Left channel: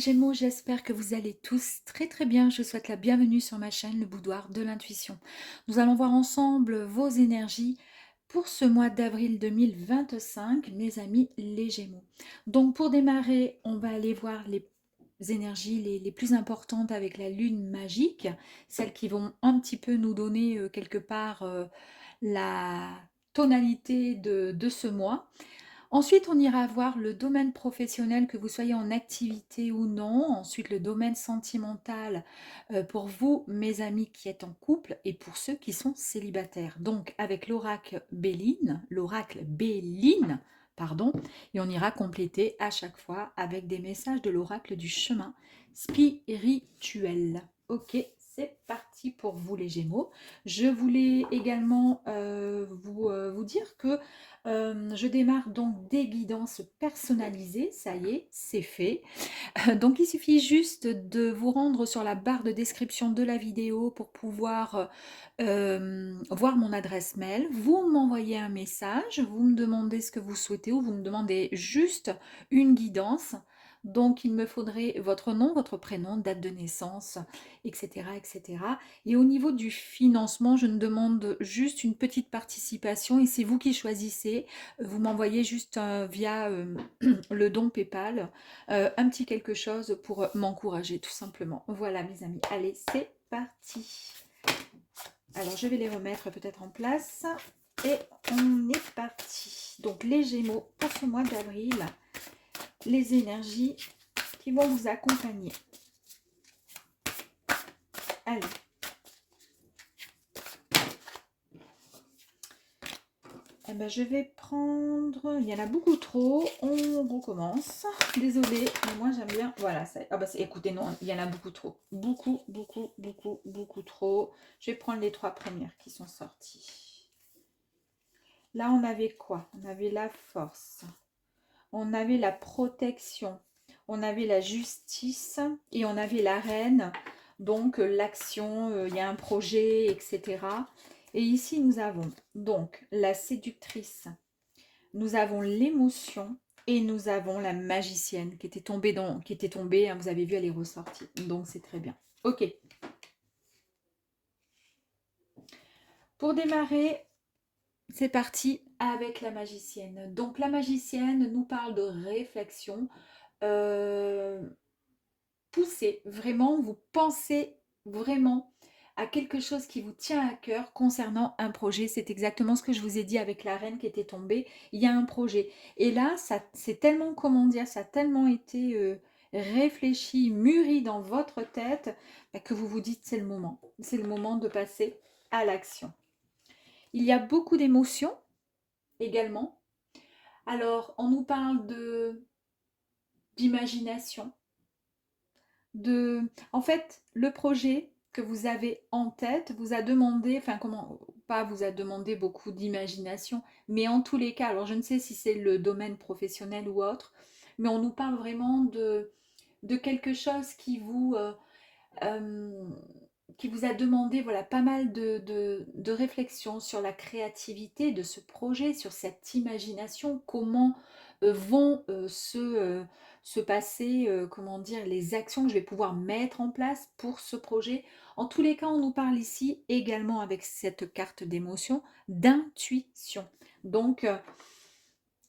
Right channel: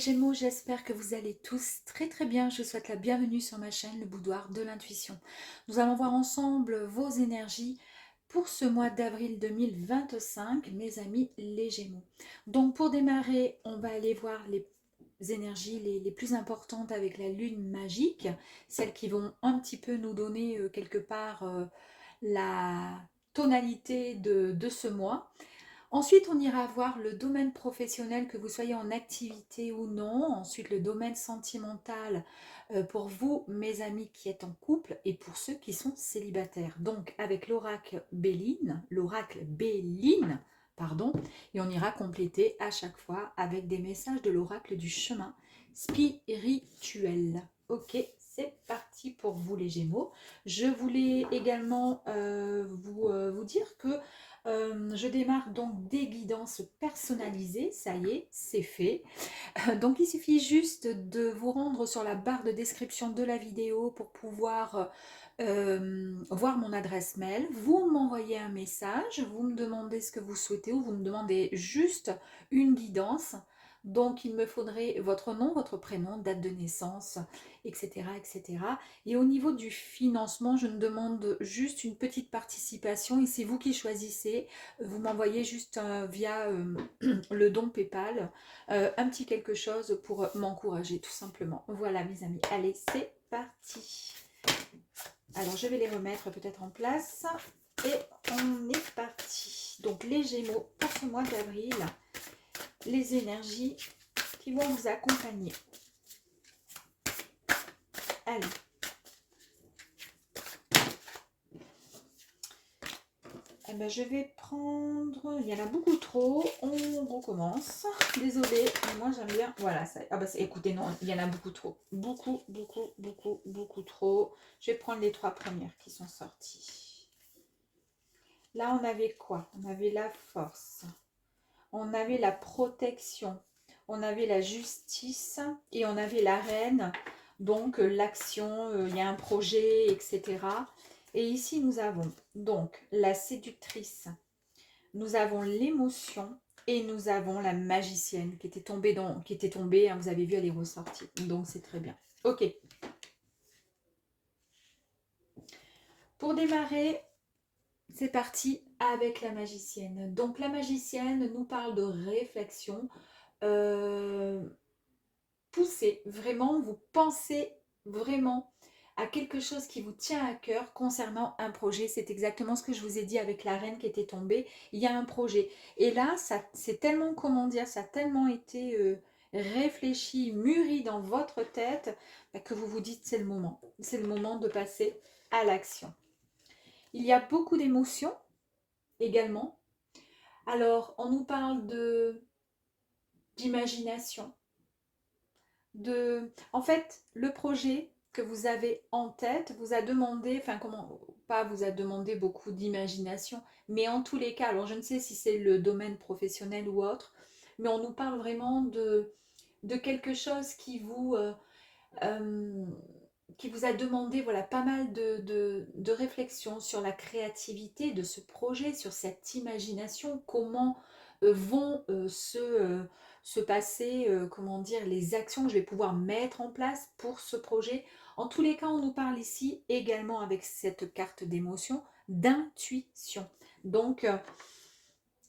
les Gémeaux, j'espère que vous allez tous très très bien. Je vous souhaite la bienvenue sur ma chaîne, le Boudoir de l'intuition. Nous allons voir ensemble vos énergies pour ce mois d'avril 2025, mes amis les Gémeaux. Donc pour démarrer, on va aller voir les énergies les plus importantes avec la lune magique, celles qui vont un petit peu nous donner quelque part la tonalité de ce mois. Ensuite, on ira voir le domaine professionnel, que vous soyez en activité ou non. Ensuite, le domaine sentimental pour vous, mes amis qui êtes en couple, et pour ceux qui sont célibataires. Donc, avec l'oracle Béline, pardon, et on ira compléter à chaque fois avec des messages de l'oracle du chemin spirituel. Ok, c'est parti pour vous les Gémeaux. Je voulais également vous dire que je démarre donc des guidances personnalisées, ça y est, c'est fait. Donc il suffit juste de vous rendre sur la barre de description de la vidéo pour pouvoir voir mon adresse mail. Vous m'envoyez un message, vous me demandez ce que vous souhaitez ou vous me demandez juste une guidance. Donc il me faudrait votre nom, votre prénom, date de naissance, etc. etc. Et au niveau du financement, je ne demande juste une petite participation et c'est vous qui choisissez. Vous m'envoyez juste via le don PayPal un petit quelque chose pour m'encourager tout simplement. Voilà mes amis, allez c'est parti. Alors je vais les remettre peut-être en place et on est parti. Donc les Gémeaux pour ce mois d'avril, les énergies qui vont vous accompagner. Allez. Eh ben, je vais prendre, il y en a beaucoup trop, on recommence, désolée, mais moi j'aime bien, voilà, ça, ah bah, écoutez, non, il y en a beaucoup trop, beaucoup trop, je vais prendre les trois premières qui sont sorties. Là on avait quoi? On avait la force, on avait la protection, on avait la justice et on avait la reine, donc l'action, il y a un projet, etc. Et ici, nous avons donc la séductrice, nous avons l'émotion et nous avons la magicienne qui était tombée, hein, vous avez vu, elle est ressortie. Donc, c'est très bien. Ok. Pour démarrer, c'est parti avec la magicienne. Donc, la magicienne nous parle de réflexion. Poussez, vraiment, vous pensez vraiment à quelque chose qui vous tient à cœur concernant un projet. C'est exactement ce que je vous ai dit avec la reine qui était tombée. Il y a un projet. Et là, ça c'est tellement, comment dire, ça a tellement été réfléchi, mûri dans votre tête que vous vous dites c'est le moment. C'est le moment de passer à l'action. Il y a beaucoup d'émotions également. Alors, on nous parle d'imagination. En fait, le projet que vous avez en tête vous a demandé, enfin comment, pas vous a demandé beaucoup d'imagination, mais en tous les cas, alors je ne sais si c'est le domaine professionnel ou autre, mais on nous parle vraiment de quelque chose euh, qui vous a demandé voilà, pas mal de réflexion sur la créativité de ce projet, sur cette imagination, comment vont se passer, comment dire, les actions que je vais pouvoir mettre en place pour ce projet. En tous les cas, on nous parle ici également avec cette carte d'émotion d'intuition. Donc,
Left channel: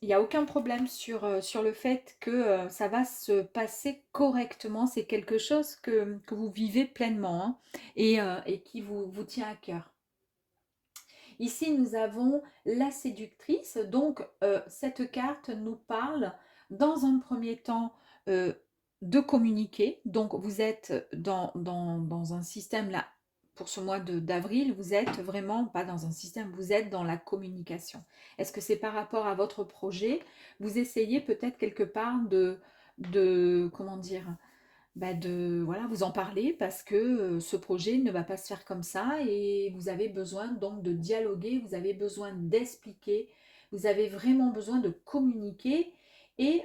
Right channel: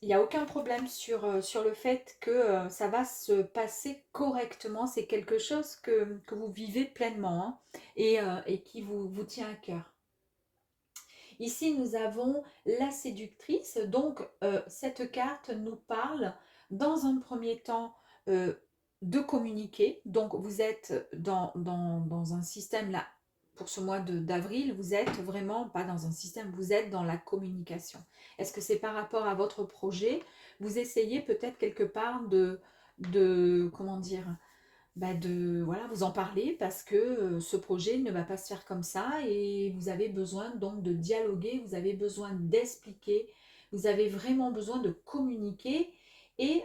il n'y a aucun problème sur le fait que ça va se passer correctement. C'est quelque chose que vous vivez pleinement hein, et qui vous tient à cœur. Ici, nous avons la séductrice. Donc, cette carte nous parle dans un premier temps de communiquer. Donc, vous êtes dans un système là, pour ce mois d'avril, vous êtes vraiment pas dans un système, vous êtes dans la communication. Est-ce que c'est par rapport à votre projet? Vous essayez peut-être quelque part comment dire, voilà, vous en parler parce que ce projet ne va pas se faire comme ça et vous avez besoin donc de dialoguer, vous avez besoin d'expliquer, vous avez vraiment besoin de communiquer et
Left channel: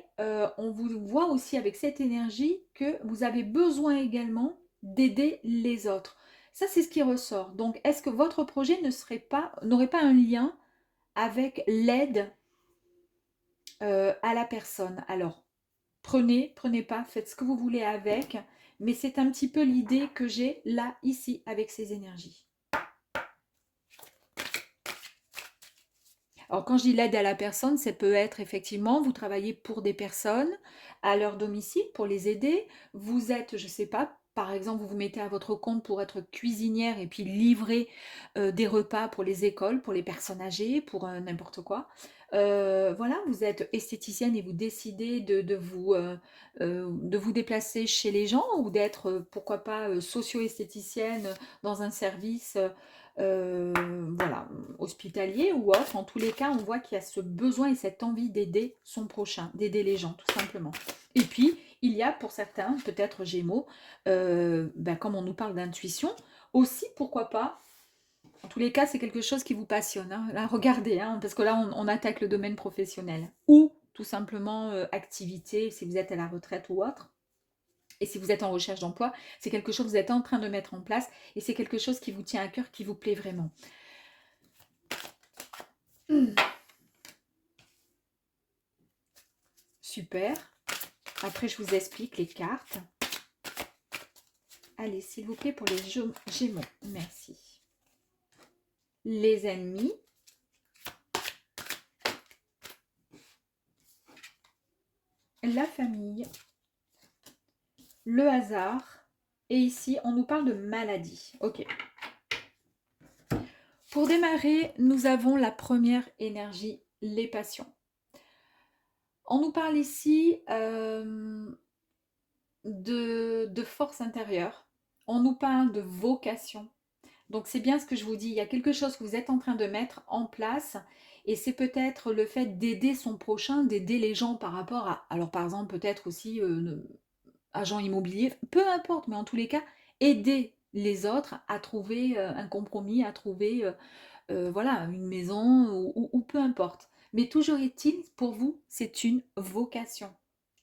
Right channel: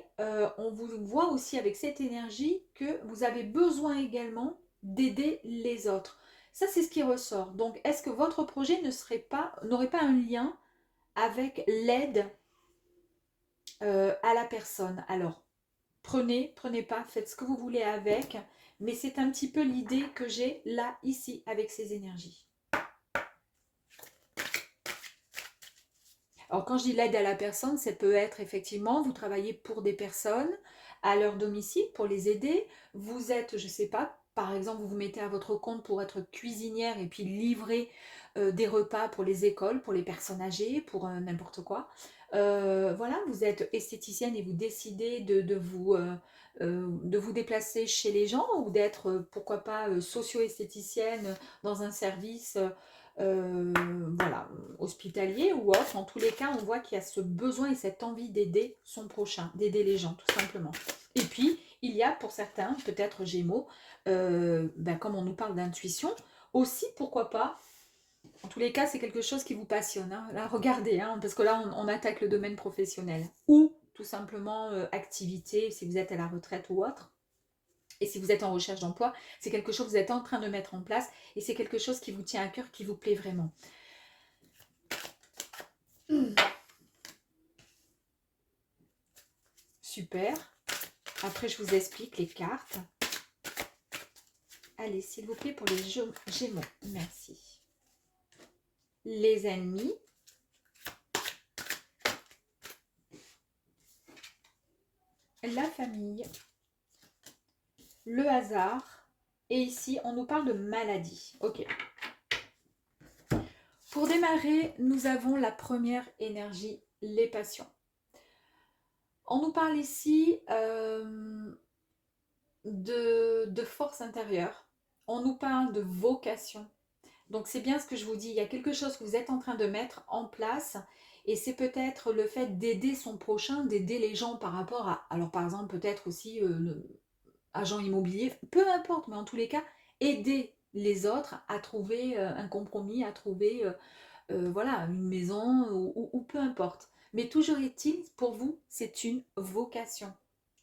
on vous voit aussi avec cette énergie que vous avez besoin également d'aider les autres. Ça, c'est ce qui ressort. Donc, est-ce que votre projet n'aurait pas un lien avec l'aide à la personne? Alors, Prenez, prenez pas, faites ce que vous voulez avec, mais c'est un petit peu l'idée que j'ai là, ici, avec ces énergies. Alors, quand je dis l'aide à la personne, ça peut être effectivement, vous travaillez pour des personnes à leur domicile pour les aider. Vous êtes, je ne sais pas, par exemple, vous vous mettez à votre compte pour être cuisinière et puis livrer des repas pour les écoles, pour les personnes âgées, pour n'importe quoi. Voilà, vous êtes esthéticienne et vous décidez de vous déplacer chez les gens ou d'être, pourquoi pas, socio-esthéticienne dans un service. Euh, voilà, hospitalier ou autre, en tous les cas, on voit qu'il y a ce besoin et cette envie d'aider son prochain, d'aider les gens, tout simplement. Et puis, il y a pour certains, peut-être Gémeaux, comme on nous parle d'intuition, aussi, pourquoi pas, en tous les cas, c'est quelque chose qui vous passionne. Hein. Là, regardez, hein, parce que là, on attaque le domaine professionnel. Ou, tout simplement, activité, si vous êtes à la retraite ou autre. Et si vous êtes en recherche d'emploi, c'est quelque chose que vous êtes en train de mettre en place et c'est quelque chose qui vous tient à cœur, qui vous plaît vraiment. Super. Après, je vous explique les cartes. Allez, s'il vous plaît, pour les Gémeaux. Merci. Les ennemis. La famille. Le hasard. Et ici, on nous parle de maladie. Ok. Pour démarrer, nous avons la première énergie, les passions. On nous parle ici de force intérieure. On nous parle de vocation. Donc c'est bien ce que je vous dis, il y a quelque chose que vous êtes en train de mettre en place et c'est peut-être le fait d'aider son prochain, d'aider les gens par rapport à, alors par exemple peut-être aussi agent immobilier, peu importe, mais en tous les cas, aider les autres à trouver un compromis, à trouver voilà, une maison ou peu importe. Mais toujours est-il, pour vous, c'est une vocation.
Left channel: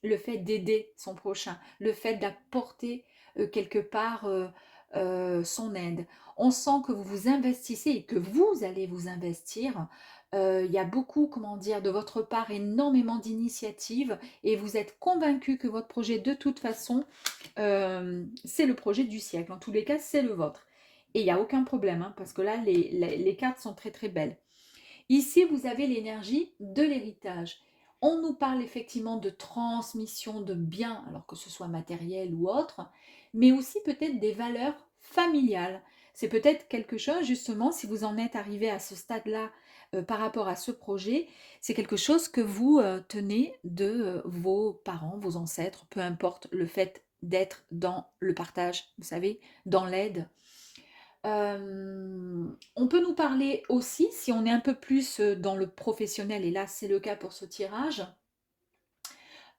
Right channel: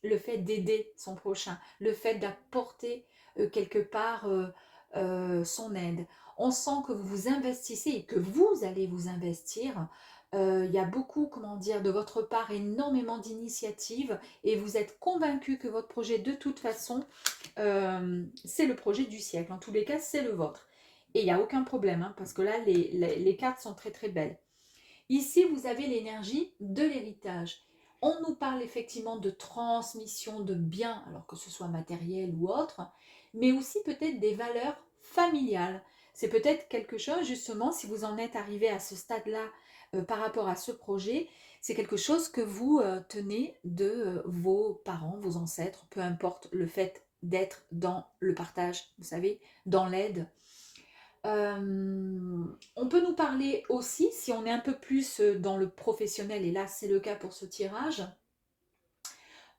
Le fait d'aider son prochain, le fait d'apporter quelque part son aide. On sent que vous vous investissez et que vous allez vous investir. Il y a beaucoup, comment dire, de votre part, énormément d'initiatives et vous êtes convaincu que votre projet, de toute façon, c'est le projet du siècle. En tous les cas, c'est le vôtre. Et il n'y a aucun problème, hein, parce que là, les cartes sont très très belles. Ici, vous avez l'énergie de l'héritage. On nous parle effectivement de transmission de biens, alors que ce soit matériel ou autre, mais aussi peut-être des valeurs familiales. C'est peut-être quelque chose, justement, si vous en êtes arrivé à ce stade-là par rapport à ce projet, c'est quelque chose que vous tenez de vos parents, vos ancêtres, peu importe le fait d'être dans le partage, vous savez, dans l'aide. On peut nous parler aussi, si on est un peu plus dans le professionnel, et là c'est le cas pour ce tirage,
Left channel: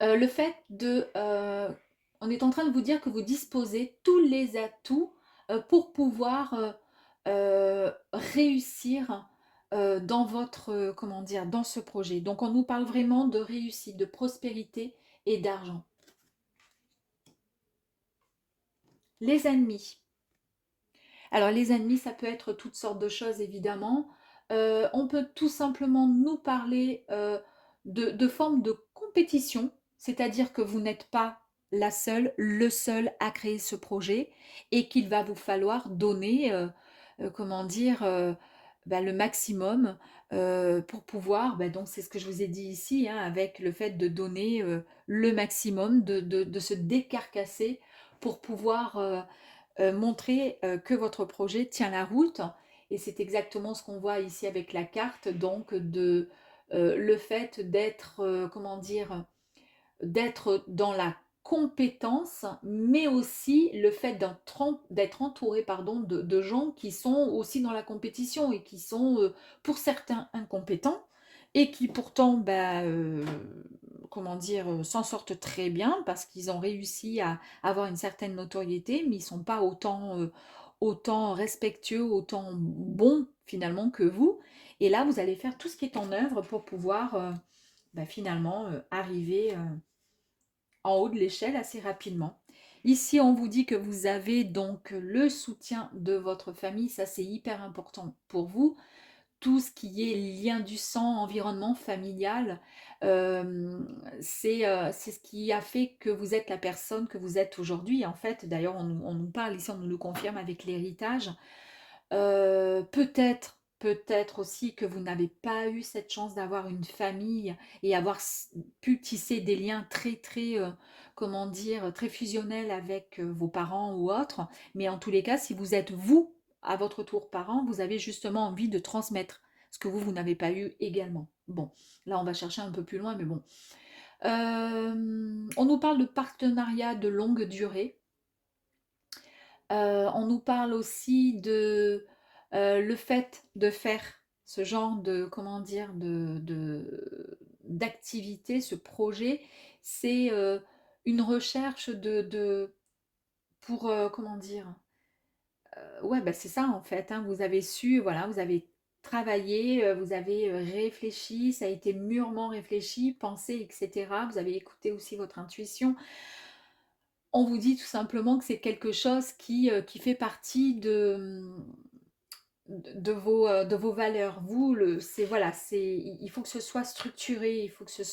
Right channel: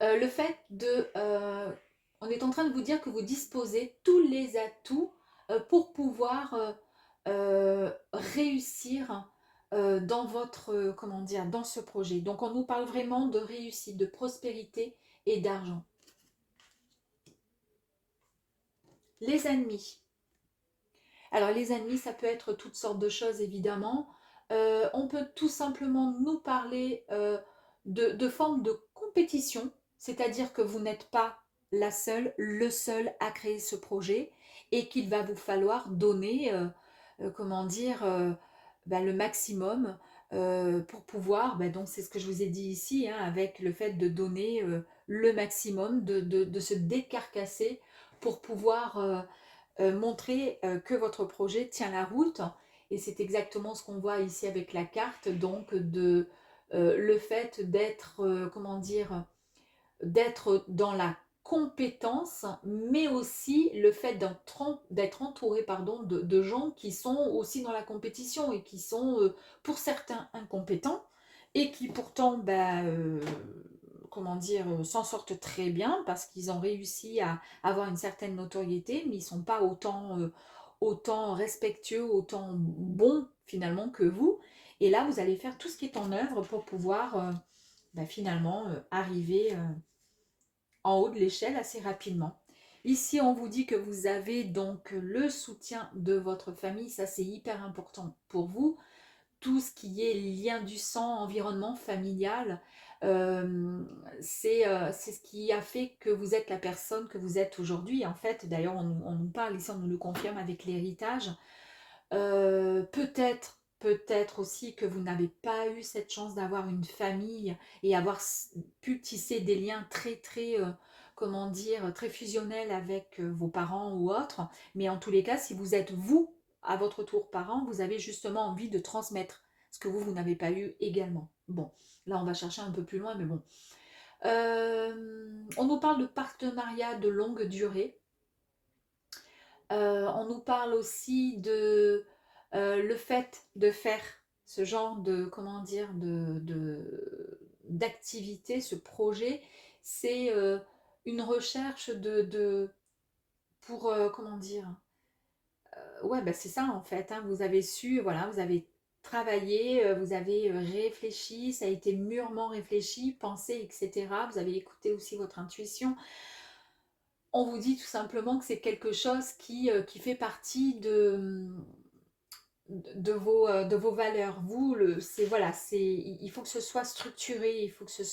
le fait de... on est en train de vous dire que vous disposez tous les atouts pour pouvoir réussir dans votre, comment dire, dans ce projet. Donc on nous parle vraiment de réussite, de prospérité et d'argent. Les ennemis. Alors les ennemis, ça peut être toutes sortes de choses évidemment. On peut tout simplement nous parler de formes de compétition, c'est-à-dire que vous n'êtes pas la seule, le seul à créer ce projet et qu'il va vous falloir donner, comment dire, le maximum pour pouvoir, donc c'est ce que je vous ai dit ici, hein, avec le fait de donner le maximum, de se décarcasser pour pouvoir montrer que votre projet tient la route. Et c'est exactement ce qu'on voit ici avec la carte, donc le fait d'être, comment dire, d'être dans la compétence, mais aussi le fait d'être entouré pardon, de gens qui sont aussi dans la compétition et qui sont pour certains incompétents et qui pourtant comment dire, s'en sortent très bien parce qu'ils ont réussi à avoir une certaine notoriété, mais ils ne sont pas autant respectueux, autant bons finalement que vous. Et là, vous allez faire tout ce qui est en œuvre pour pouvoir finalement arriver en haut de l'échelle assez rapidement. Ici, on vous dit que vous avez donc le soutien de votre famille, ça c'est hyper important pour vous. tout ce qui est lien du sang, environnement familial, c'est ce qui a fait que vous êtes la personne que vous êtes aujourd'hui. En fait, d'ailleurs, on nous parle ici, on nous le confirme avec l'héritage. Peut-être aussi que vous n'avez pas eu cette chance d'avoir une famille et avoir pu tisser des liens très, très, comment dire, très fusionnels avec vos parents ou autres. Mais en tous les cas, si vous êtes vous, à votre tour parent, vous avez justement envie de transmettre ce que vous n'avez pas eu également. Bon, là, on va chercher un peu plus loin, mais bon. On nous parle de partenariat de longue durée. On nous parle aussi de le fait de faire ce genre de, comment dire, d'activité, ce projet, c'est une recherche pour, comment dire, ouais, bah, c'est ça en fait, hein, vous avez su, voilà, vous avez travaillé, vous avez réfléchi, ça a été mûrement réfléchi, pensé, etc. Vous avez écouté aussi votre intuition. On vous dit tout simplement que c'est quelque chose qui fait partie de vos valeurs. Vous, voilà, il faut que ce soit structuré, il faut que ce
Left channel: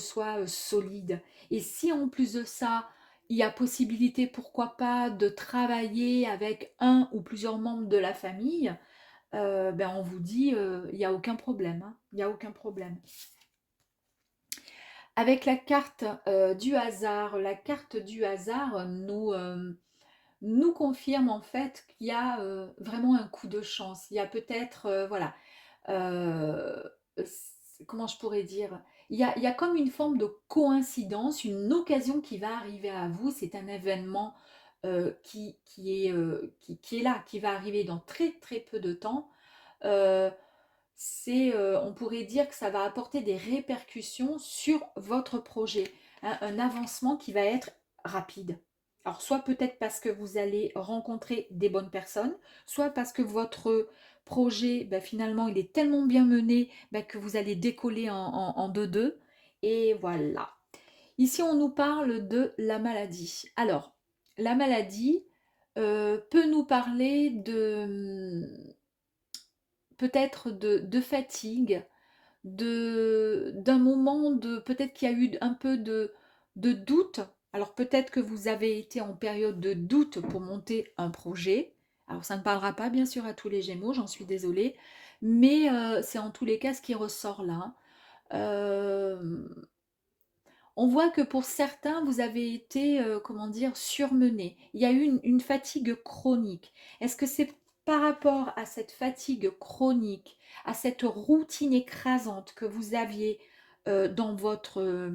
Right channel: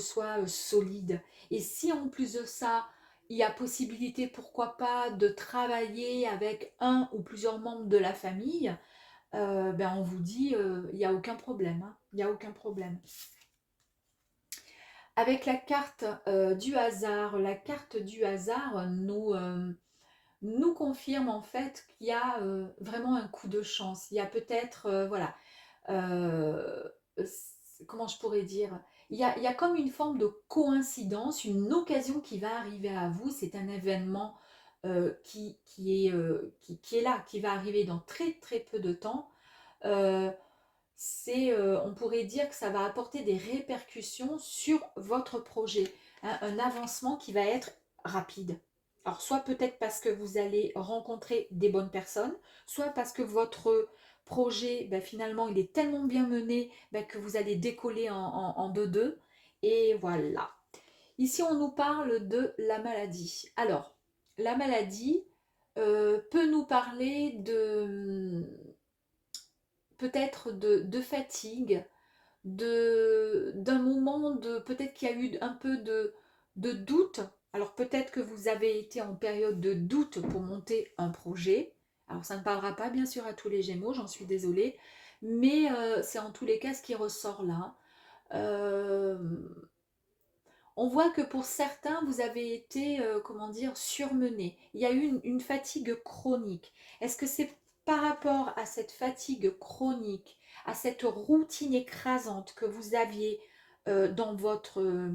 soit solide. Et si en plus de ça, il y a possibilité, pourquoi pas, de travailler avec un ou plusieurs membres de la famille, ben on vous dit, il n'y a aucun problème, hein, il n'y a aucun problème. Avec la carte du hasard nous confirme en fait qu'il y a vraiment un coup de chance. Il y a peut-être, voilà, euh, comment je pourrais dire, il y a comme une forme de coïncidence, une occasion qui va arriver à vous. C'est un événement qui est là, qui va arriver dans très très peu de temps. Euh, on pourrait dire que ça va apporter des répercussions sur votre projet, hein, un avancement qui va être rapide. Alors, soit peut-être parce que vous allez rencontrer des bonnes personnes, soit parce que votre projet, ben, finalement, il est tellement bien mené ben, que vous allez décoller en deux-deux. Et voilà. Ici, on nous parle de la maladie. Alors, la maladie peut nous parler de peut-être de fatigue, d'un moment de peut-être qu'il y a eu un peu de doute. Alors peut-être que vous avez été en période de doute pour monter un projet. Alors ça ne parlera pas bien sûr à tous les Gémeaux, j'en suis désolée, mais c'est en tous les cas ce qui ressort là. Euh, on voit que pour certains, vous avez été, comment dire, surmené. Il y a eu une fatigue chronique. Est-ce que c'est par rapport à cette fatigue chronique, à cette routine écrasante que vous aviez dans votre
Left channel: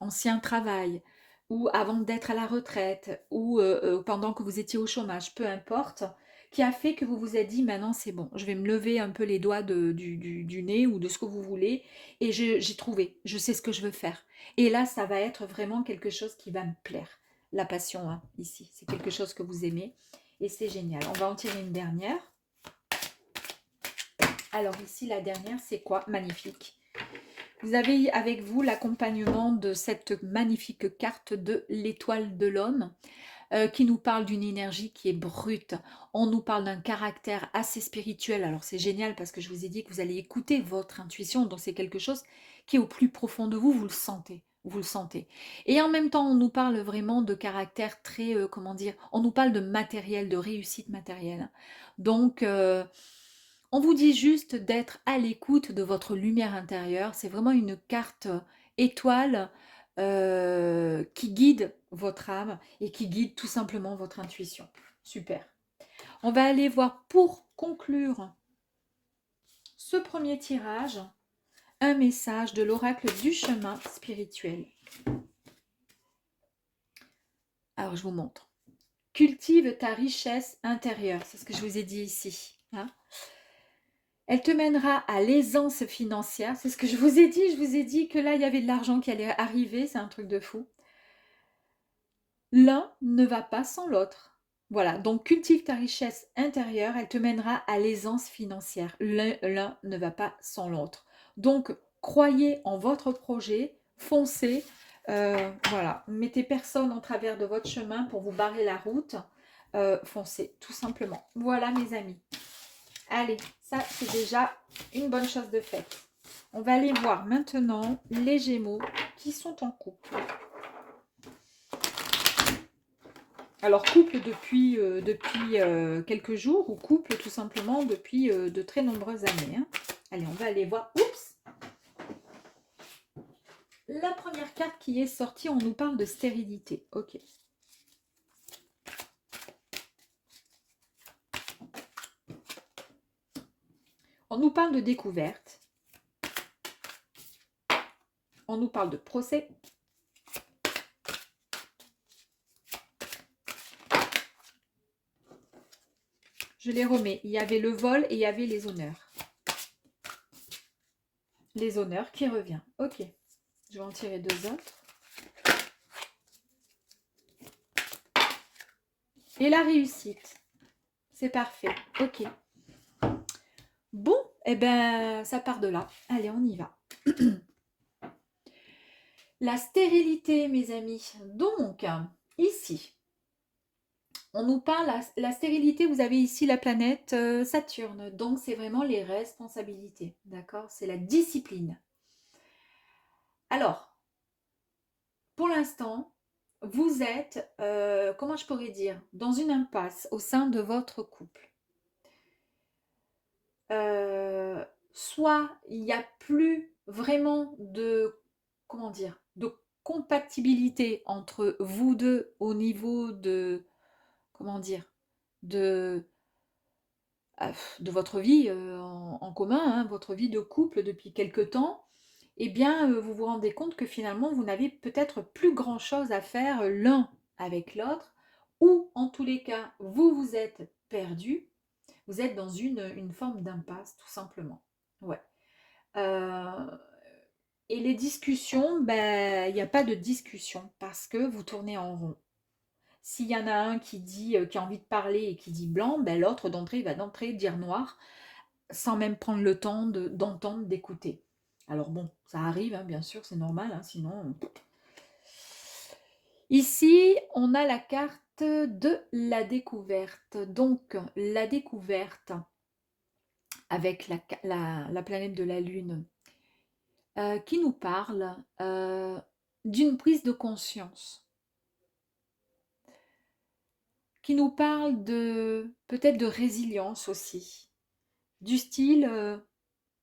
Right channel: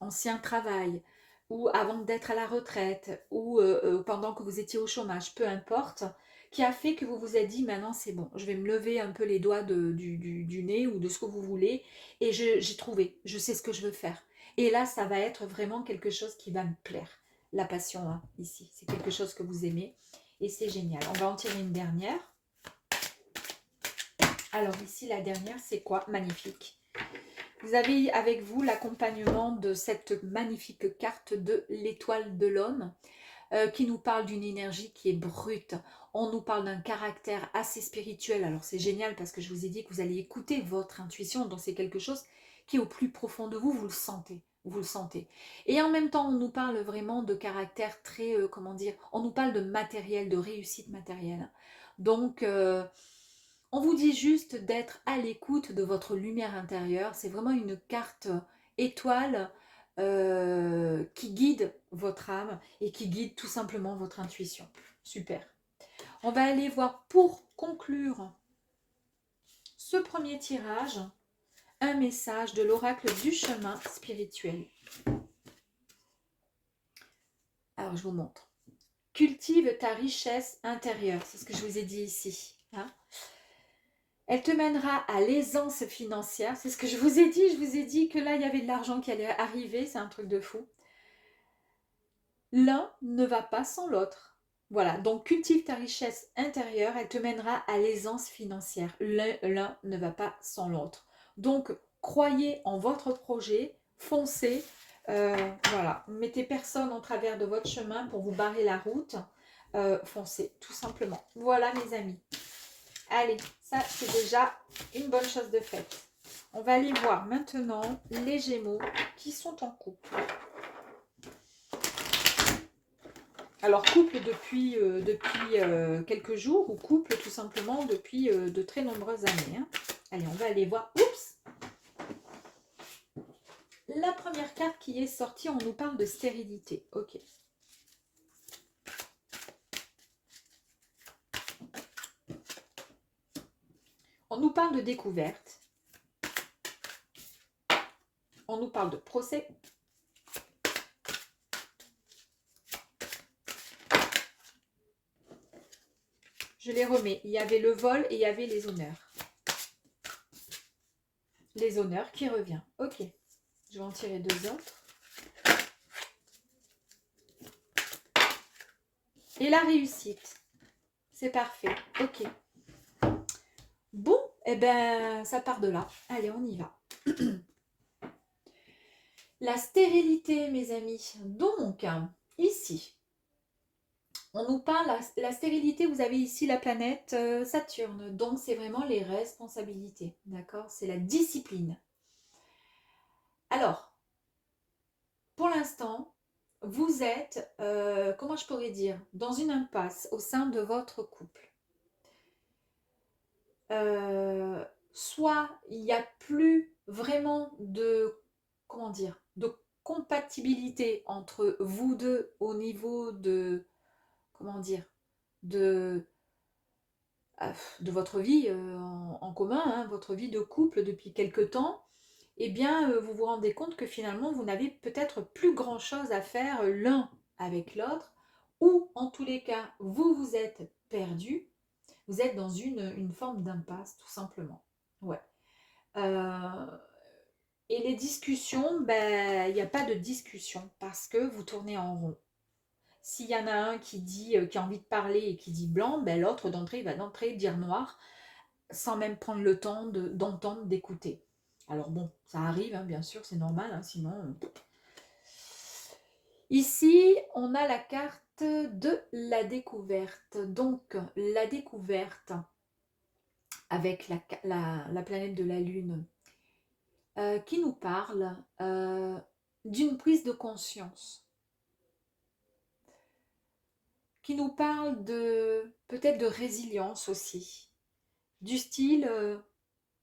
ancien travail, ou avant d'être à la retraite, ou pendant que vous étiez au chômage, peu importe, qui a fait que vous vous êtes dit, maintenant c'est bon, je vais me lever un peu les doigts du nez ou de ce que vous voulez, et j'ai trouvé, je sais ce que je veux faire. Et là, ça va être vraiment quelque chose qui va me plaire. La passion, hein, ici, c'est quelque chose que vous aimez. Et c'est génial. On va en tirer une dernière. Alors ici, la dernière, c'est quoi? Magnifique. Vous avez avec vous l'accompagnement de cette magnifique carte de l'étoile de l'homme qui nous parle d'une énergie qui est brute. On nous parle d'un caractère assez spirituel. Alors c'est génial parce que je vous ai dit que vous allez écouter votre intuition. Donc c'est quelque chose qui est au plus profond de vous. Vous le sentez. Vous le sentez. Et en même temps, on nous parle vraiment de caractère très, comment dire, on nous parle de matériel, de réussite matérielle. Donc, on vous dit juste d'être à l'écoute de votre lumière intérieure. C'est vraiment une carte étoile qui guide votre âme et qui guide tout simplement votre intuition. Super. On va aller voir pour conclure ce premier tirage un message de l'oracle du chemin spirituel. Alors je vous montre. Cultive ta richesse intérieure. C'est ce que je vous ai dit ici. Hein. Elle te mènera à l'aisance financière. C'est ce que je vous ai dit. Je vous ai dit que là, il y avait de l'argent qui allait arriver. C'est un truc de fou. L'un ne va pas sans l'autre. Voilà, donc cultive ta richesse intérieure, elle te mènera à l'aisance financière. L'un ne va pas sans l'autre. Donc, croyez en votre projet, foncez, voilà, mettez personne en travers de votre chemin pour vous barrer la route, foncez, tout simplement. Voilà mes amis. Allez, Ça, c'est déjà une bonne chose de faite. On va aller voir maintenant les Gémeaux qui sont en couple. Alors, couple depuis quelques jours ou couple tout simplement depuis de très nombreuses années. Hein. Allez, on va aller voir. Oups! La première carte qui est sortie, on nous parle de stérilité. Ok. On nous parle de découverte. On nous parle de procès. Je les remets. Il y avait le vol et il y avait les honneurs. Les honneurs qui revient. Ok. Je vais en tirer deux autres. Et la réussite. C'est parfait. Ok. Bon, eh ben, ça part de là. Allez, on y va. La stérilité, mes amis. Donc, ici, on nous parle, la stérilité, vous avez ici la planète Saturne. Donc, c'est vraiment les responsabilités. D'accord? C'est la discipline. Alors, pour l'instant, vous êtes, comment je pourrais dire, dans une impasse au sein de votre couple. Soit il n'y a plus vraiment de, comment dire, de compatibilité entre vous deux au niveau de, comment dire, de, de votre vie en commun, hein, votre vie de couple depuis quelque temps, eh bien, vous vous rendez compte que finalement, vous n'avez peut-être plus grand-chose à faire l'un avec l'autre, ou en tous les cas, vous vous êtes perdu, vous êtes dans une forme d'impasse, tout simplement. Ouais. Et les discussions, ben, il n'y a pas de discussion parce que vous tournez en rond. S'il y en a un qui dit, qui a envie de parler et qui dit blanc, ben, l'autre d'entrée va d'entrée dire noir, sans même prendre le temps d'entendre, d'écouter. Alors bon, ça arrive, hein, bien sûr, c'est normal, hein, sinon... Ici, on a la carte de la découverte. Donc, la découverte avec la planète de la Lune qui nous parle d'une prise de conscience, qui nous parle de peut-être de résilience aussi, du style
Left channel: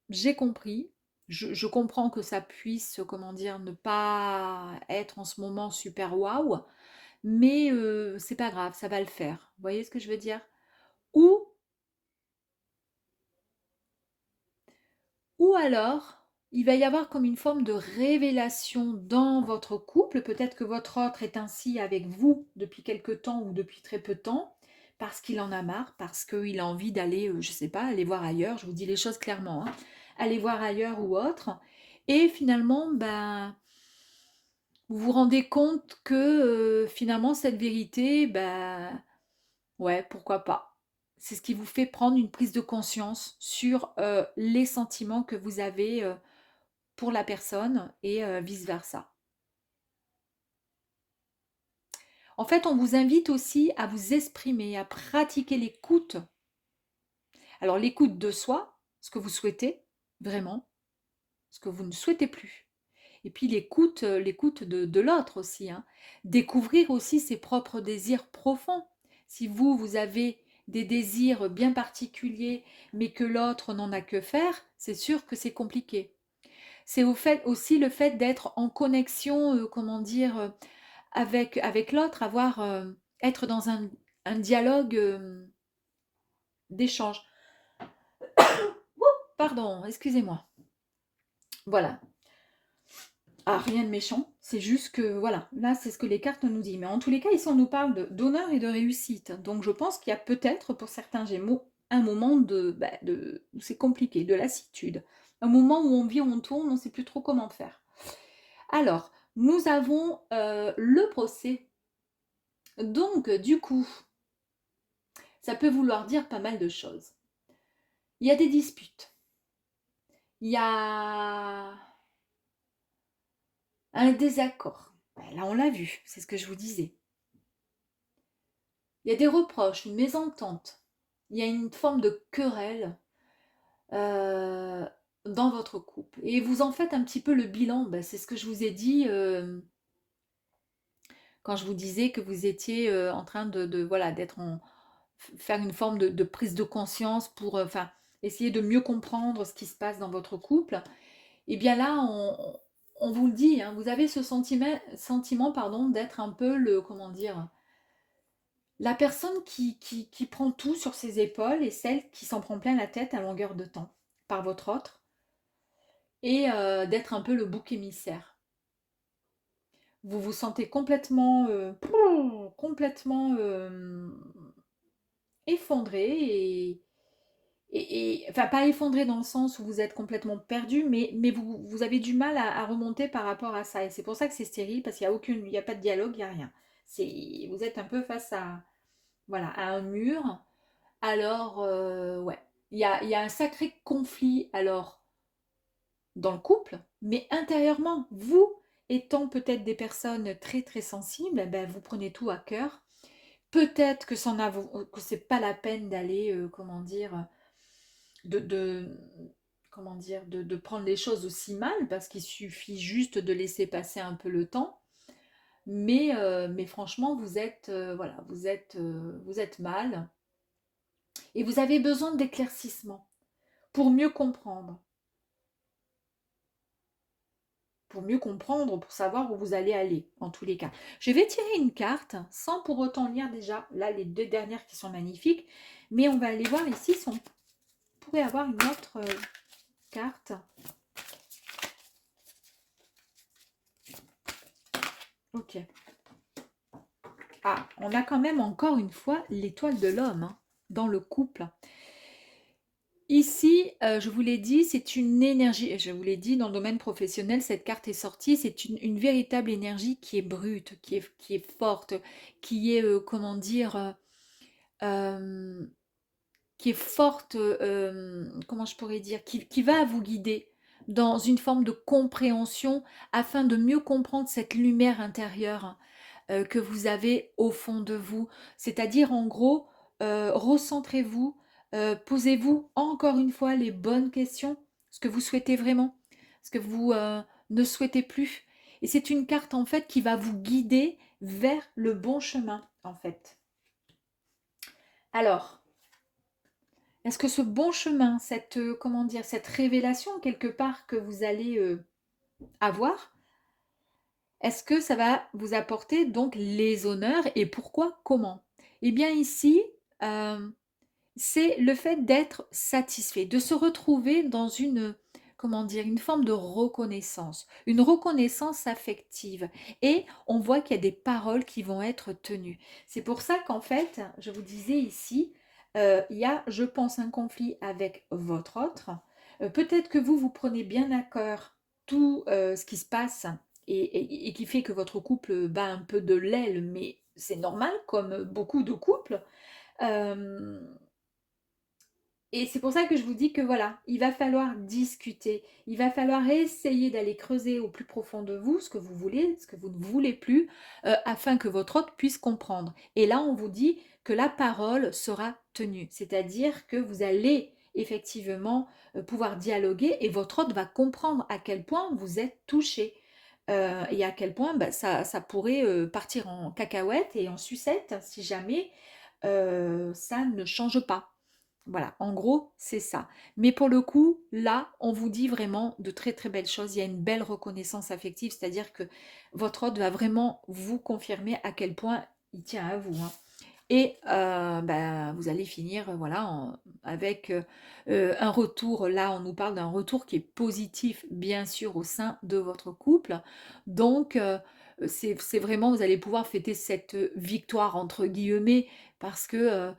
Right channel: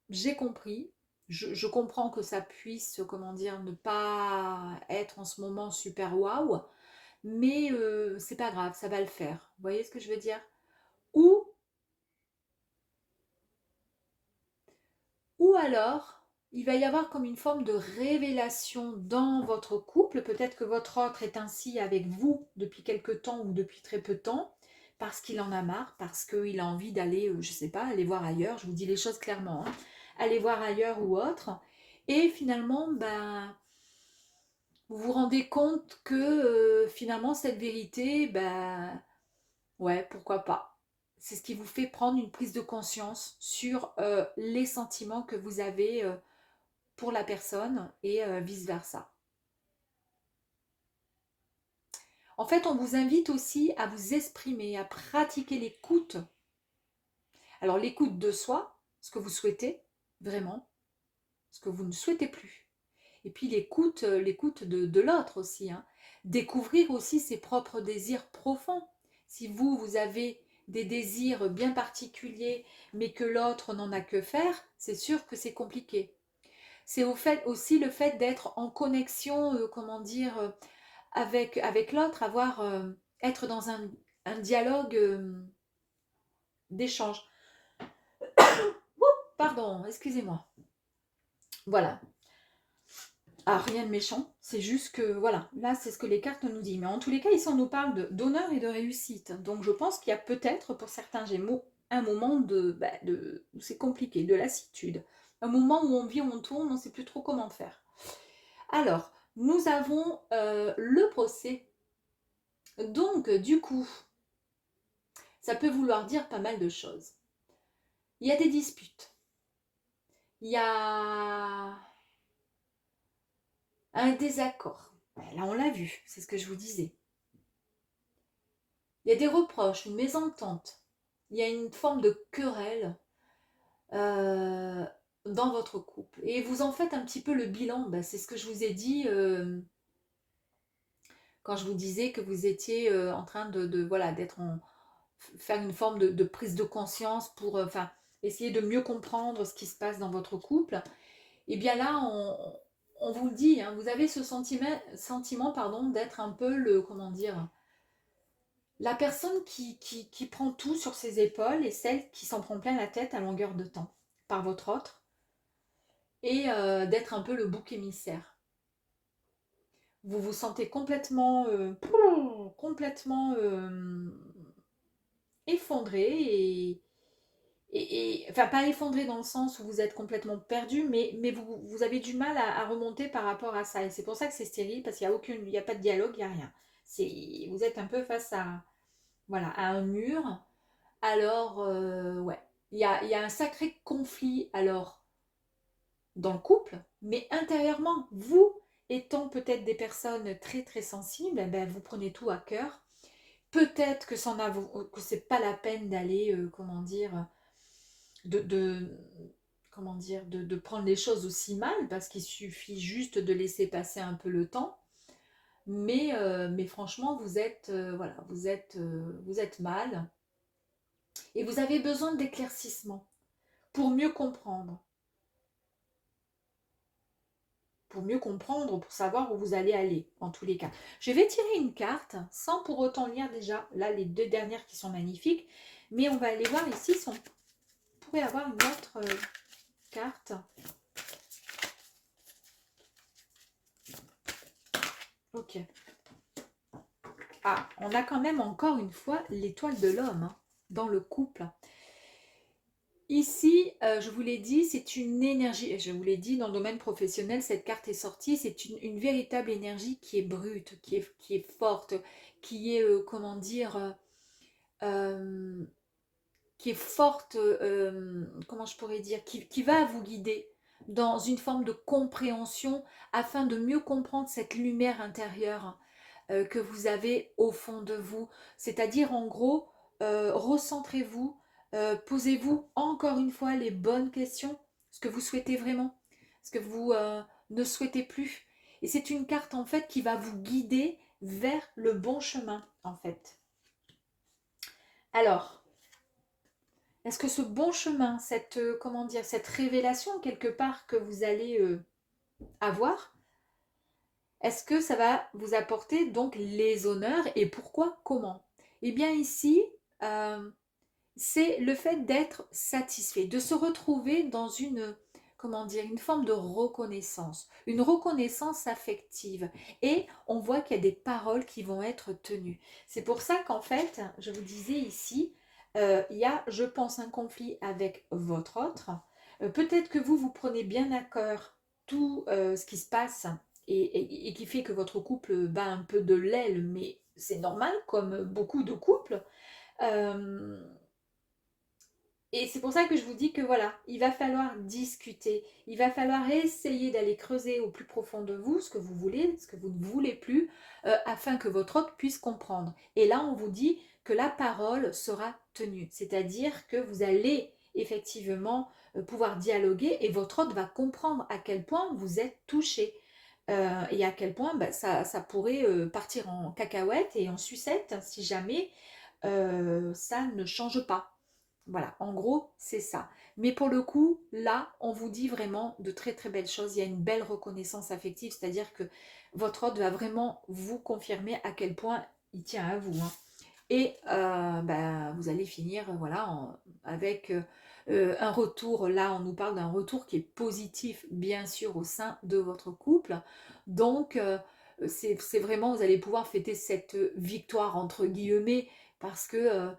j'ai compris, je comprends que ça puisse, comment dire, ne pas être en ce moment super waouh, mais c'est pas grave, ça va le faire. Vous voyez ce que je veux dire? Ou alors, il va y avoir comme une forme de révélation dans votre couple. Peut-être que votre autre est ainsi avec vous depuis quelque temps ou depuis très peu de temps, parce qu'il en a marre, parce qu'il a envie d'aller, je ne sais pas, aller voir ailleurs. Je vous dis les choses clairement, hein. Aller voir ailleurs ou autre. Et finalement, ben, vous vous rendez compte que finalement, cette vérité, ben, ouais, pourquoi pas. C'est ce qui vous fait prendre une prise de conscience sur les sentiments que vous avez pour la personne et vice-versa. En fait, on vous invite aussi à vous exprimer, à pratiquer l'écoute. Alors l'écoute de soi, ce que vous souhaitez vraiment, ce que vous ne souhaitez plus. Et puis l'écoute de l'autre aussi. Hein. Découvrir aussi ses propres désirs profonds. Si vous avez des désirs bien particuliers, mais que l'autre n'en a que faire, c'est sûr que c'est compliqué. C'est aussi le fait d'être en connexion, comment dire, avec l'autre, être dans un dialogue d'échange. Pardon, excusez-moi. Voilà. Ah, rien de méchant, c'est juste que, voilà, là, c'est ce que les cartes nous disent. Mais en tous les cas, ici, on nous parle d'honneur et de réussite. Donc, je pense qu'il y a peut-être, pour certains Gémeaux, un moment où c'est compliqué, de lassitude. Un moment où on vit, on tourne, on ne sait plus trop comment faire. Alors, nous avons le procès. Donc, du coup, ça peut vouloir dire pas mal de choses. Il y a des disputes. Il y a un désaccord. Là, on l'a vu, c'est ce que je vous disais. Il y a des reproches, une mésentente. Il y a une forme de querelle. euh, dans votre couple. Et vous en faites un petit peu le bilan. Ben, c'est ce que je vous ai dit quand je vous disais que vous étiez en train voilà, faire une forme de prise de conscience pour enfin, essayer de mieux comprendre ce qui se passe dans votre couple. Et bien là, on vous le dit, hein, vous avez ce sentiment pardon, d'être un peu le, comment dire, la personne qui prend tout sur ses épaules et celle qui s'en prend plein la tête à longueur de temps par votre autre, et d'être un peu le bouc émissaire. Vous vous sentez complètement effondré enfin pas effondré dans le sens où vous êtes complètement perdu, mais vous avez du mal à remonter par rapport à ça. Et c'est pour ça que c'est stérile, parce qu'il n'y a il n'y a pas de dialogue, il n'y a rien. Vous êtes un peu face à, voilà, à un mur. Alors, ouais, il y a un sacré conflit alors dans le couple, mais intérieurement, vous étant peut-être des personnes très très sensibles, eh ben, vous prenez tout à cœur. Peut-être que que c'est pas la peine d'aller, comment dire, de comment dire, de prendre les choses aussi mal, parce qu'il suffit juste de laisser passer un peu le temps. Mais franchement, voilà, vous êtes mal et vous avez besoin d'éclaircissement pour mieux comprendre, pour savoir où vous allez aller, en tous les cas. Je vais tirer une carte, sans pour autant lire déjà, là, les deux dernières qui sont magnifiques, mais on va aller voir ici si on pourrait avoir une autre carte. Ok. Ah, on a quand même encore une fois l'étoile de l'homme hein, dans le couple. Ici, je vous l'ai dit, c'est une énergie, je vous l'ai dit, dans le domaine professionnel, cette carte est sortie, c'est une véritable énergie qui est brute, qui est forte, qui est, comment dire, euh, qui est forte, comment je pourrais dire, qui va vous guider dans une forme de compréhension afin de mieux comprendre cette lumière intérieure que vous avez au fond de vous. C'est-à-dire, en gros, recentrez-vous, posez-vous encore une fois les bonnes questions, ce que vous souhaitez vraiment, ce que vous ne souhaitez plus. Et c'est une carte, en fait, qui va vous guider vers le bon chemin, en fait. Alors, est-ce que ce bon chemin, cette, comment dire, cette révélation, quelque part, que vous allez avoir, est-ce que ça va vous apporter donc les honneurs et pourquoi, comment? Eh bien ici, euh, c'est le fait d'être satisfait, de se retrouver dans une, comment dire, une forme de reconnaissance, une reconnaissance affective. Et on voit qu'il y a des paroles qui vont être tenues. C'est pour ça qu'en fait, je vous disais ici, il y a, je pense, un conflit avec votre autre. Peut-être que vous prenez bien à cœur tout ce qui se passe et qui fait que votre couple bat un peu de l'aile, mais c'est normal, comme beaucoup de couples. Euh, et c'est pour ça que je vous dis que voilà, il va falloir discuter, il va falloir essayer d'aller creuser au plus profond de vous ce que vous voulez, ce que vous ne voulez plus, afin que votre autre puisse comprendre. Et là, on vous dit que la parole sera tenue, c'est-à-dire que vous allez effectivement pouvoir dialoguer et votre autre va comprendre à quel point vous êtes touché. Et à quel point bah, ça pourrait partir en cacahuète et en sucette si jamais ça ne change pas. Voilà, en gros, c'est ça. Mais pour le coup, là, on vous dit vraiment de très très belles choses. Il y a une belle reconnaissance affective, c'est-à-dire que votre hôte va vraiment vous confirmer à quel point il tient à vous. Hein. Et bah, vous allez finir voilà, avec un retour. Là, on nous parle d'un retour qui est positif, bien sûr, au sein de votre couple. Donc, c'est vraiment, vous allez pouvoir fêter cette victoire, entre guillemets, parce que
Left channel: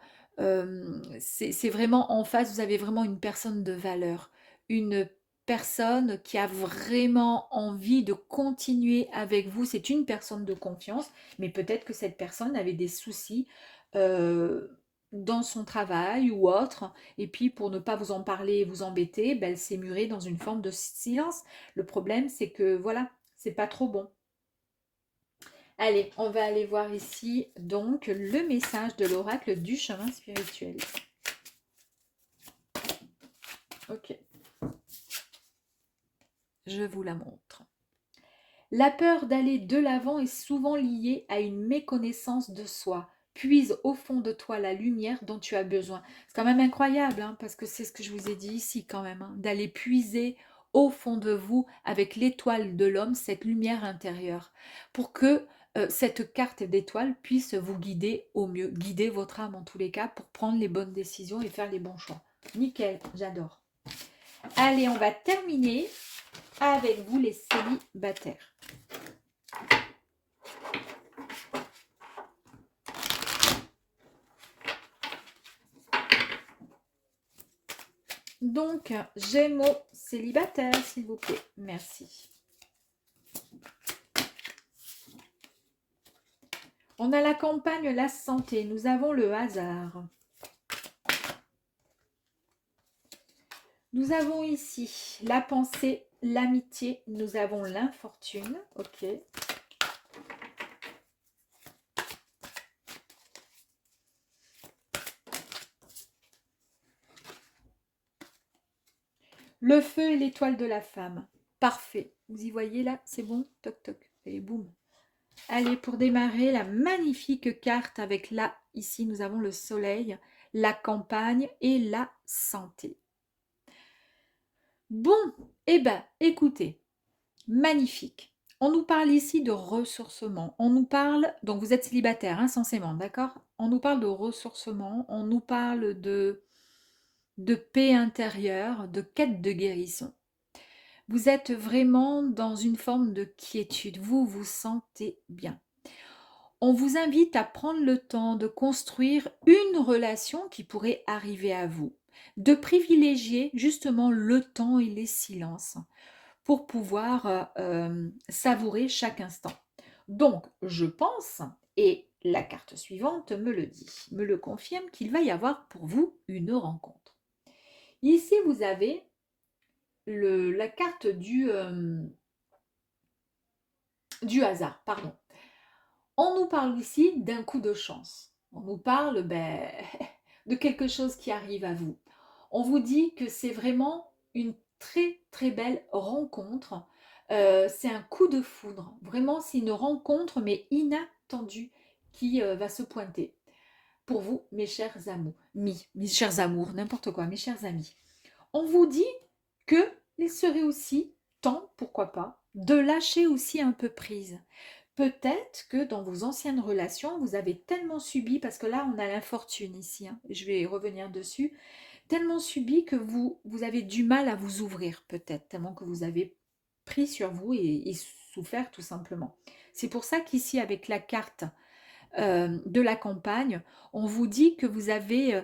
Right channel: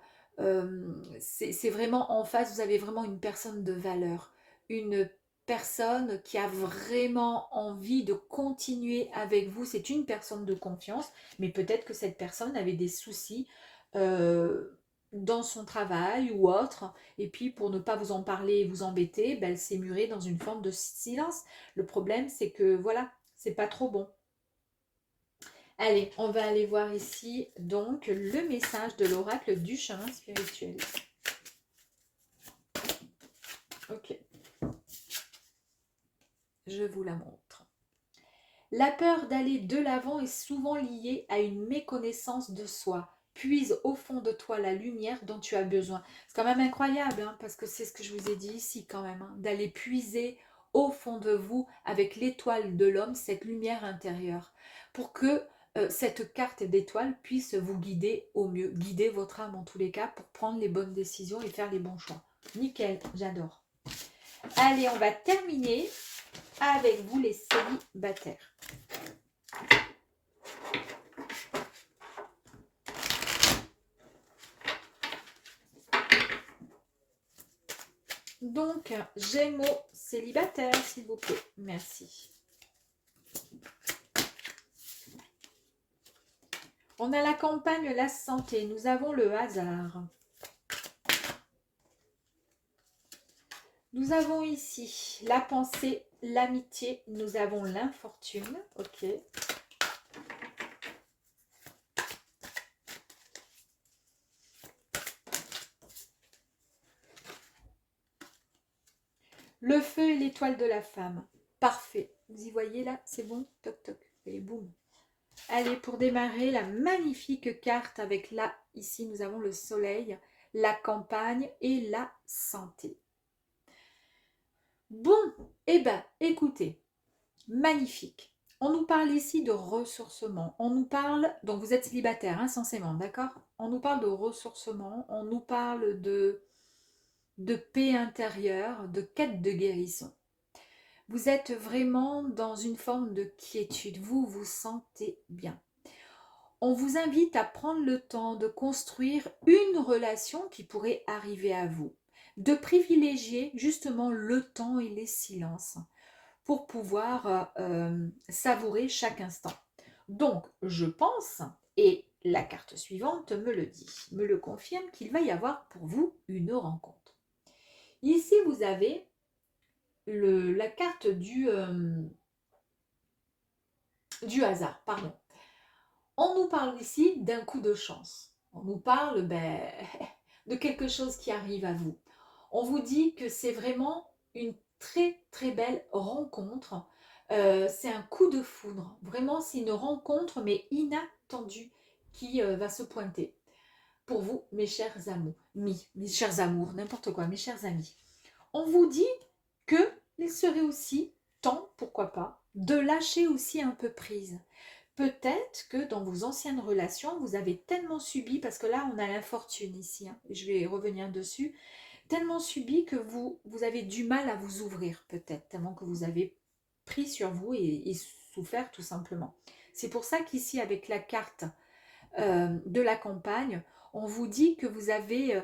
c'est vraiment en face, vous avez vraiment une personne de valeur, une personne qui a vraiment envie de continuer avec vous. C'est une personne de confiance, mais peut-être que cette personne avait des soucis euh, dans son travail ou autre, et puis pour ne pas vous en parler et vous embêter, ben, elle s'est murée dans une forme de silence. Le problème, c'est que voilà, c'est pas trop bon. Allez, on va aller voir ici donc le message de l'oracle du chemin spirituel. Ok, je vous la montre. La peur d'aller de l'avant est souvent liée à une méconnaissance de soi. Puise au fond de toi la lumière dont tu as besoin. C'est quand même incroyable, hein, parce que c'est ce que je vous ai dit ici quand même, hein, d'aller puiser au fond de vous avec l'étoile de l'homme, cette lumière intérieure, pour que cette carte d'étoile puisse vous guider au mieux, guider votre âme en tous les cas pour prendre les bonnes décisions et faire les bons choix. Nickel, j'adore. Allez, on va terminer avec vous les célibataires. Donc, Gémeaux célibataire, s'il vous plaît. Merci. On a la campagne, la santé. Nous avons le hasard. Nous avons ici la pensée, l'amitié. Nous avons l'infortune. Ok. Le feu et l'étoile de la femme. Parfait. Vous y voyez là? C'est bon? Toc toc. Et boum. Allez, pour démarrer, la magnifique carte avec là, ici, nous avons le soleil, la campagne et la santé. Bon, eh bien, écoutez, magnifique. On nous parle ici de ressourcement. On nous parle, donc vous êtes célibataire, hein, censément, d'accord? On nous parle de ressourcement, on nous parle de paix intérieure, de quête de guérison. Vous êtes vraiment dans une forme de quiétude, vous vous sentez bien. On vous invite à prendre le temps de construire une relation qui pourrait arriver à vous, de privilégier justement le temps et les silences pour pouvoir savourer chaque instant. Donc, je pense, et la carte suivante me le dit, me le confirme, qu'il va y avoir pour vous une rencontre. Ici, vous avez la carte du hasard, pardon. On nous parle ici d'un coup de chance. On nous parle de quelque chose qui arrive à vous. On vous dit que c'est vraiment une très très belle rencontre. C'est un coup de foudre. Vraiment, c'est une rencontre mais inattendue qui va se pointer. Pour vous, mes chers amours, mes chers amours, n'importe quoi, mes chers amis. On vous dit que il serait aussi temps, pourquoi pas, de lâcher aussi un peu prise. Peut-être que dans vos anciennes relations, vous avez tellement subi, parce que là, on a l'infortune ici, hein, je vais revenir dessus, tellement subi que vous avez du mal à vous ouvrir, peut-être, tellement que vous avez pris sur vous et souffert tout simplement. C'est pour ça qu'ici, avec la carte de la campagne, on vous dit que vous avez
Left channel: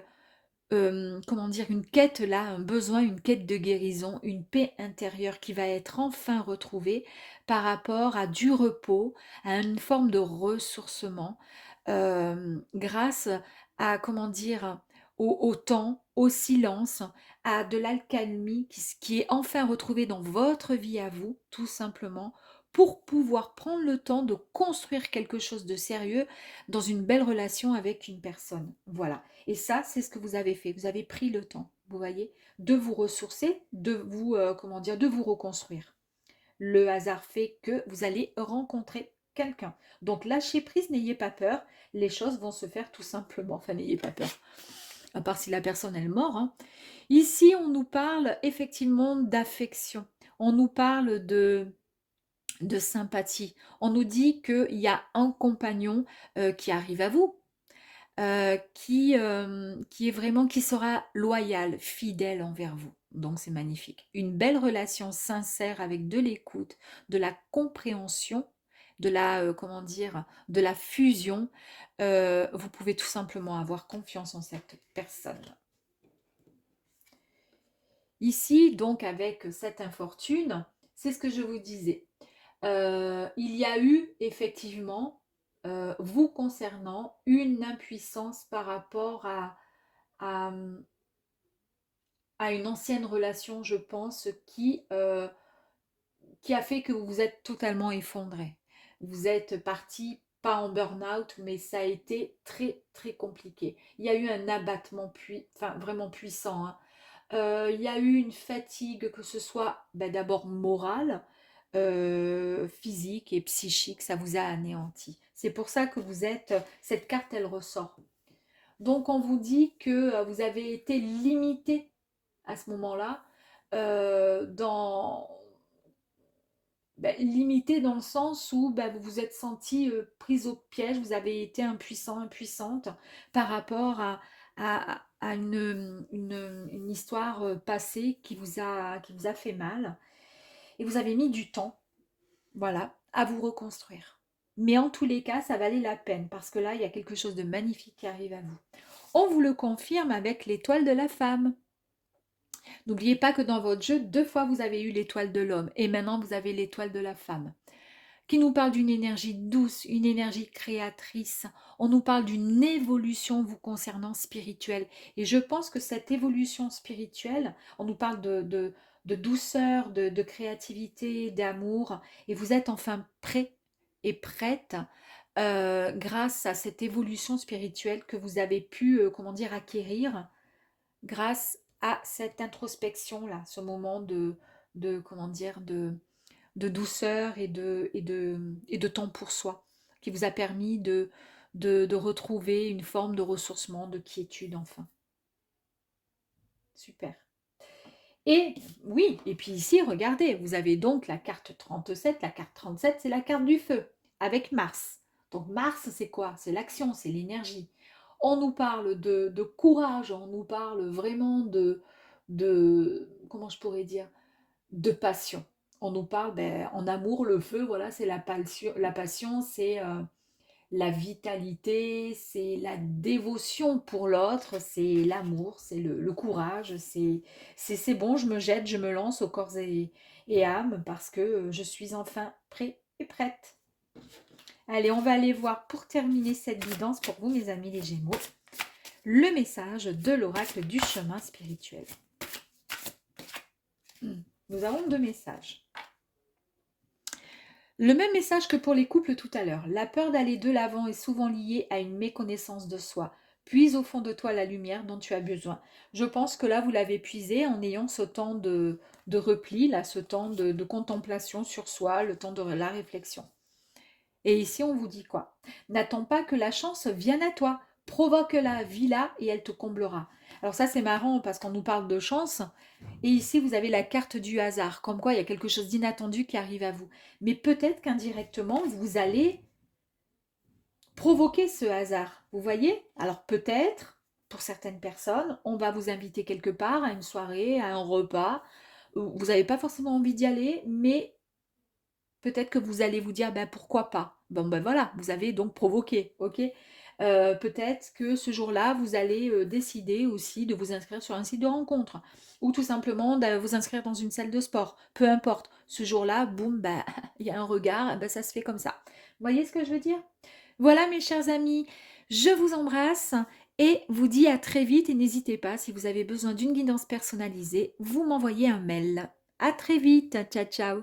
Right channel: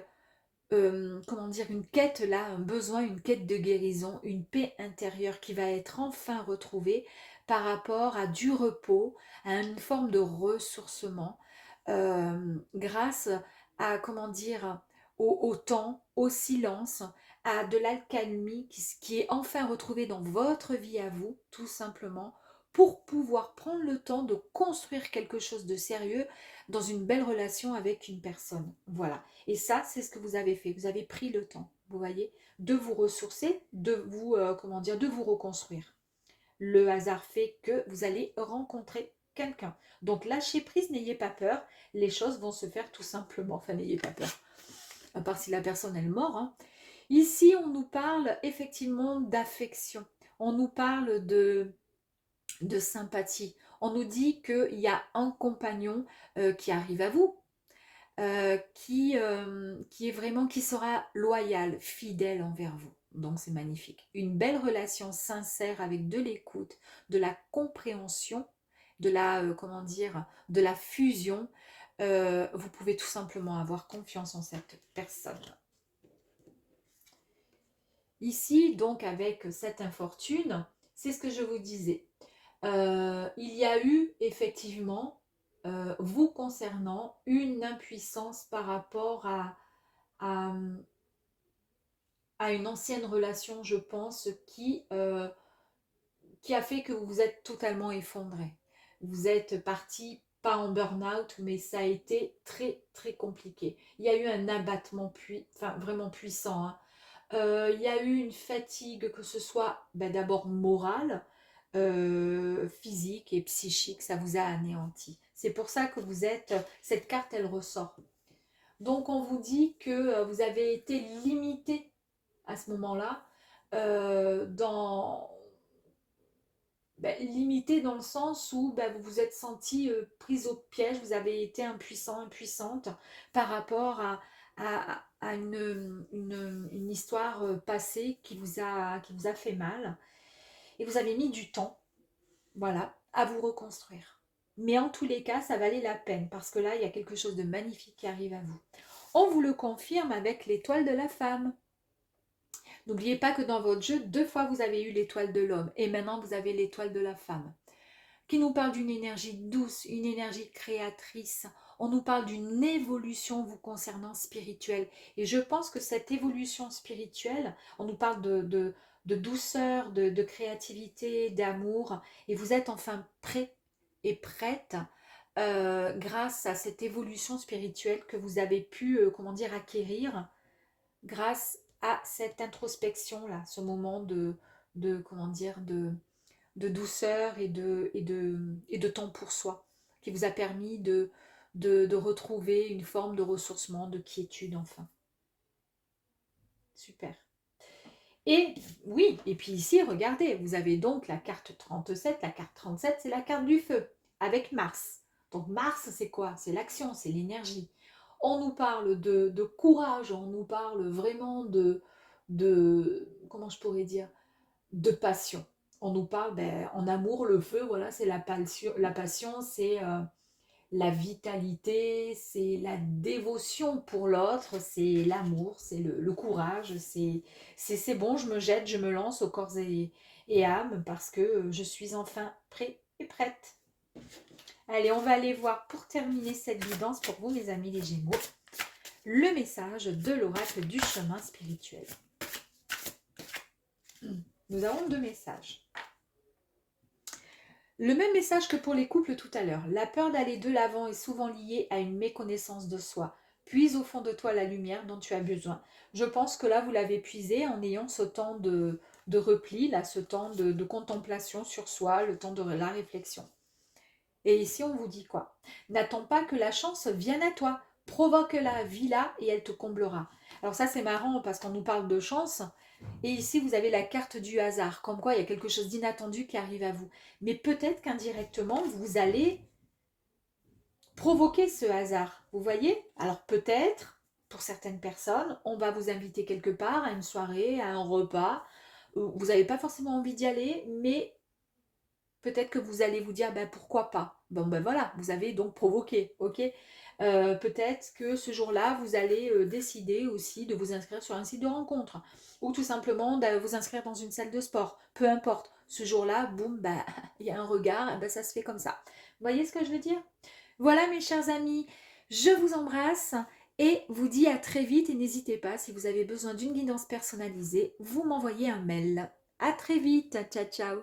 comment dire, une quête là, un besoin, une quête de guérison, une paix intérieure qui va être enfin retrouvée par rapport à du repos, à une forme de ressourcement, grâce à, comment dire, au temps, au silence, à de l'alcalmie qui est enfin retrouvée dans votre vie à vous, tout simplement, pour pouvoir prendre le temps de construire quelque chose de sérieux dans une belle relation avec une personne. Voilà. Et ça, c'est ce que vous avez fait. Vous avez pris le temps, vous voyez, de vous ressourcer, de vous, comment dire, de vous reconstruire. Le hasard fait que vous allez rencontrer quelqu'un. Donc, lâchez prise, n'ayez pas peur. Les choses vont se faire tout simplement. Enfin, n'ayez pas peur. À part si la personne est morte. Hein. Ici, on nous parle effectivement d'affection. On nous parle de sympathie. On nous dit qu'il y a un compagnon qui arrive à vous, qui est vraiment, qui sera loyal, fidèle envers vous. Donc c'est magnifique. Une belle relation sincère avec de l'écoute, de la compréhension, de la, comment dire, de la fusion. Vous pouvez tout simplement avoir confiance en cette personne. Ici, donc, avec cette infortune, c'est ce que je vous disais. Il y a eu effectivement, vous concernant, une impuissance par rapport à, à une ancienne relation, je pense, qui a fait que vous vous êtes totalement effondré. Vous êtes parti, pas en burn-out, mais ça a été très, très compliqué. Il y a eu un abattement vraiment puissant, hein. Il y a eu une fatigue, que ce soit ben, d'abord morale, physique et psychique, ça vous a anéanti. C'est pour ça que vous êtes, cette carte, elle ressort. Donc on vous dit que vous avez été limité à ce moment-là, dans ben, limité dans le sens où ben, vous vous êtes senti prise au piège, vous avez été impuissant, impuissante par rapport à une histoire passée qui vous a fait mal. Et vous avez mis du temps, voilà, à vous reconstruire. Mais en tous les cas, ça valait la peine parce que là, il y a quelque chose de magnifique qui arrive à vous. On vous le confirme avec l'étoile de la femme. N'oubliez pas que dans votre jeu, 2 fois vous avez eu l'étoile de l'homme et maintenant vous avez l'étoile de la femme, qui nous parle d'une énergie douce, une énergie créatrice. On nous parle d'une évolution vous concernant spirituelle. Et je pense que cette évolution spirituelle, on nous parle de douceur, de créativité, d'amour, et vous êtes enfin prêt et prête grâce à cette évolution spirituelle que vous avez pu, comment dire, acquérir grâce à cette introspection-là, ce moment comment dire, de douceur et de temps pour soi, qui vous a permis de retrouver une forme de ressourcement, de quiétude enfin. Super. Et oui, et puis ici, regardez, vous avez donc la carte 37. La carte 37, c'est la carte du feu, avec Mars. Donc Mars, c'est quoi? C'est l'action, c'est l'énergie. On nous parle de courage, on nous parle vraiment comment je pourrais dire, de passion. On nous parle, ben, en amour, le feu, voilà, c'est la passion, c'est la vitalité, c'est la dévotion pour l'autre, c'est l'amour, c'est le courage, c'est bon, je me jette, je me lance au corps et âme parce que je suis enfin prêt et prête. Allez, on va aller voir pour terminer cette guidance pour vous, mes amis les Gémeaux, le message de l'oracle du chemin spirituel. Nous avons 2 messages. Le même message que pour les couples tout à l'heure. La peur d'aller de l'avant est souvent liée à une méconnaissance de soi. Puise au fond de toi la lumière dont tu as besoin. Je pense que là, vous l'avez puisé en ayant ce temps de repli, là, ce temps de contemplation sur soi, le temps de la réflexion. Et ici, on vous dit quoi? N'attends pas que la chance vienne à toi. Provoque-la, vis-la et elle te comblera. Alors ça, c'est marrant parce qu'on nous parle de chance. Et ici, vous avez la carte du hasard. Comme quoi, il y a quelque chose d'inattendu qui arrive à vous. Mais peut-être qu'indirectement, vous allez provoquer ce hasard. Vous voyez? Alors peut-être, pour certaines personnes, on va vous inviter quelque part à une soirée, à un repas. Vous n'avez pas forcément envie d'y aller, mais peut-être que vous allez vous dire, ben, pourquoi pas? Bon, ben voilà, vous avez donc provoqué, ok? Peut-être que ce jour-là, vous allez décider aussi de vous inscrire sur un site de rencontre ou tout simplement de vous inscrire dans une salle de sport. Peu importe, ce jour-là, boum, ben, il y a un regard, ben, ça se fait comme ça. Vous voyez ce que je veux dire? Voilà, mes chers amis, je vous embrasse et vous dis à très vite et n'hésitez pas, si vous avez besoin d'une guidance personnalisée, vous m'envoyez un mail. À très vite, ciao ciao.